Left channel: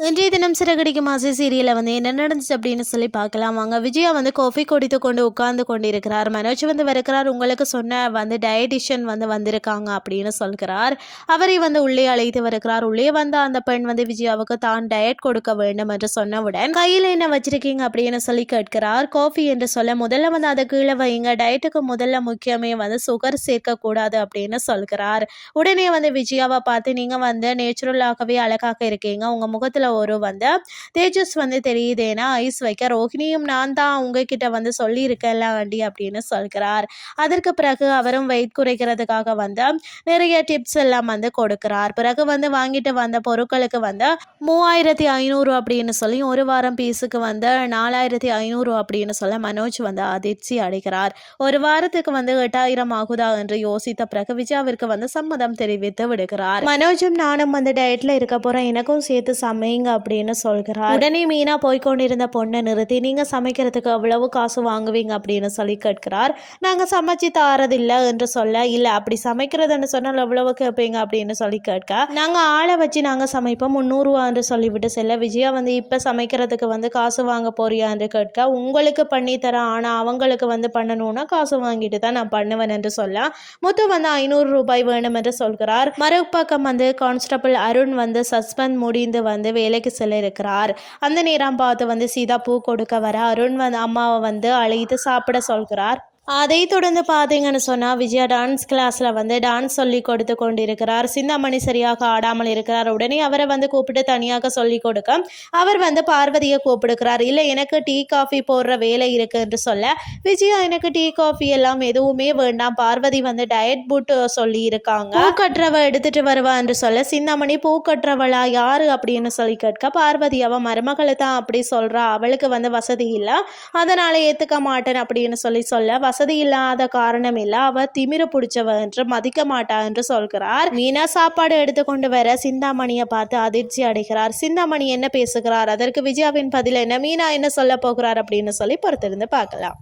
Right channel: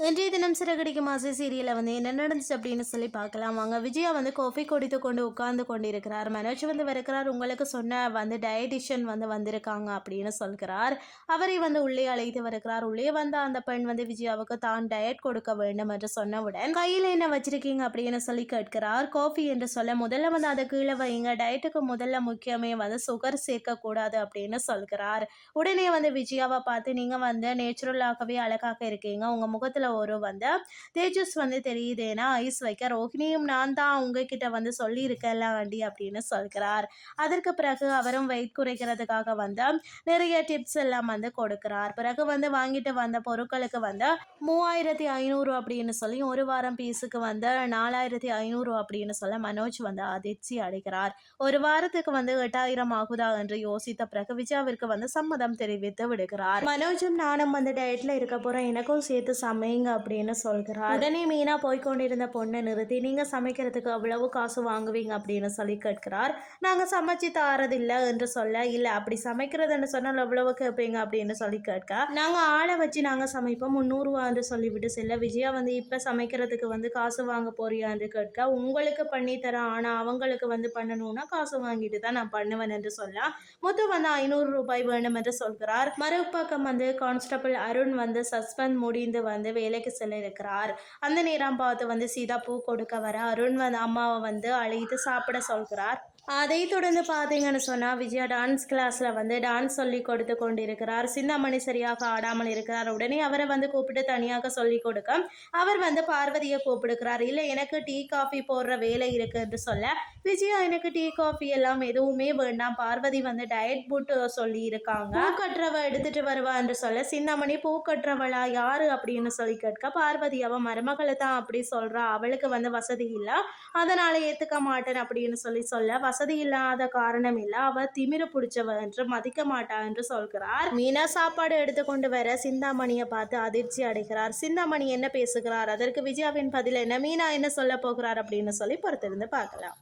இன்றைய தினம் சிறகடிக்கு மாசு சீரியலில் வந்து என்ன நடந்துச்சு அப்படின்னு சொல்லி பார்க்கலாம். வாங்க விஜயா வந்து காஃபி குடித்து கொண்டு உட்கார்ந்து கொண்டிருக்கிறார். மனோஜ் வந்து வருகிறார் உங்களுக்கு சொன்ன வந்து டயட்டிஷியன் வந்து வந்திருக்காங்க அப்படின்னு சொல்கிறார். அவரை வந்து உள்ளே அழைத்து வருகிறார் உள்ளே வந்த அந்த பெண் வந்து விஜயாவுக்கு தான் டயட் கொடுக்க வேண்டும் என்று சொன்னவுடன் கையில் என்ன வச்சிருக்கீங்க? அப்படின்னு சொல்லி கேட்கிறார். காஃபி என்று சொல்ல முதல்ல வந்து அதை கீழே வைங்க. டயட்டுக்கு முதல்ல முக்கியமே வந்து சுகர் சேர்க்கக்கூடாது அப்படின்னு சொல்கிறார். உடனே வந்து விஜயாவை பார்த்து நீங்கள் வந்து நேச்சுரலாகவே அழகாக இருக்கீங்க. உங்கள் முகத்தில் ஒரு வந்து தேஜஸ் வந்து தெரியுதேனா ஐஸ் வைக்க ரோஹிணியும் நான் தான் உங்ககிட்ட வந்து சொல்லியிருக்கேன்ல ஆண்டி அப்படின்னு சொல்கிறார். அதற்கு பிறகு அவரும் வெயிட் குறைக்கிறதுக்காக வந்து நிறைய டிப்ஸ் எல்லாம் வந்து கொடுக்கிறார். பிறகு வந்து வாங்கிட்டு வந்த பொருட்களுக்கு வந்து மூவாயிரத்தி ஐநூறு அப்படின்னு சொல்லி ஒரு வாரம் பீஸுக்கு வந்து நாலாயிரத்தி ஐநூறு அப்படின்னு சொல்ல மனோஜ் வந்து அதிர்ச்சி அடைகிறார். ஒரு வாரத்துக்கு வந்து எட்டாயிரம் ஆகுதா என்று யோசித்த பிறகு விஜயாவிற்கு வந்து சம்மதம் தெரிவித்து விடுகிறார். மனோஜும் நானும் வந்து டயட்ல இருக்க போறேன். எனக்கும் சேர்த்து சமைங்க அப்படின்னு சொல்கிறார். உடனே மீனா போய்க்கொண்டிருந்த பொண்ணை நிறுத்தி நீங்க சமைக்கிறதுக்கு எவ்வளவு காசு வாங்குவீங்க அப்படின்னு சொல்லி கேட்கிறார். நாங்க சமைச்சு தாரதில்லை என்று சொல்ல இல்ல அப்படி சமைக்கிறதுன்னு சொன்னால் எவ்வளவு கேட்பீங்க அப்படின்னு சொல்லி கேட்க நாங்க ஆளை வச்சு நாங்க சமைப்போம் முந்நூறுவா என்று சொல்லிவிட்டு செல்ல விஜயா வந்து இப்ப சமைக்கிறதுக்கு வந்து காசு வாங்க போறியா என்று கேட்க உங்களுக்கு பண்ணி தரேன் ஆனா அவங்களுக்கு வந்து பண்ணணும்னா காசு வாங்கிட்டு தான் நான் பண்ணுவேன் என்று சொல்ல முத்து வந்து ஐநூறு ரூபாய் வேணும் என்று சொல்கிறார். மறுபக்கம் வந்து கான்ஸ்டபிள் அருண் வந்து சஸ்பெண்ட் முடிந்து வந்து வேலைக்கு செல்ல இருக்கிறார். அந்த நேரம் பார்த்து வந்து சீதா பூ கொடுக்க வர அருண் வந்து அம்மாவை வந்து அழைத்து சாப்பிட சொல்கிறார். அதை தொடர்ந்து பார்த்தீங்கன்னு சொன்னால் விஜயா டான்ஸ் கிளாஸில் வந்து டான்ஸ் சொல்லி கொடுத்து கொண்டிருக்கிறார். சிந்தாமணி சரியாக ஆடாமல் இருக்கிறார். உடனே அவரை வந்து கூப்பிட்டு தனியாக சொல்லி கொடுக்க அவர் வந்து பார்வதியை கூப்பிடுக்கிறார் இல்லை எனக்கு டீ காஃபி போடுற வேலை இருக்குது என்று சொல்ல விஜயா எனக்கு டீ காஃபி எல்லாம் எதுவுமே வேண்டாம். பார்வதி வந்து டயட் புட் சொல்லி இருக்காங்க பூ கட்டுறவ எடுத்துட்டு வருவா என்று சொல்ல சிந்தாமணி பூ கட்டுறவளா? யாரு? அப்படின்னு சொல்லி கேட்க பார்வதி அவ மருமகளை தான் அப்படி சொல்றா. அவளுக்கு வந்து வசதி இல்லை. அதனால ஏத்துக்க மாட்டேன் அப்படின்னு சொல்லி சொல்ல வசதி இல்லாத காரணம் இல்ல. அவ திமிர பிடிச்சவ என்று மதிக்க மாட்டா என்று சொல்கிறார். மீனா சாப்பாடு எடுத்துக்கொண்டு வர சிந்தாமணியை பார்த்து அதிர்ச்சி அடைகிறார். சிந்தாமணி என்ன பேசுகிறார்? அதற்கு விஜயாவின் பதில் என்ன? மீனா என்ன சொல்ல போகிறார்? அப்படின்னு சொல்லி பொறுத்திருந்து பார்க்கலாம்.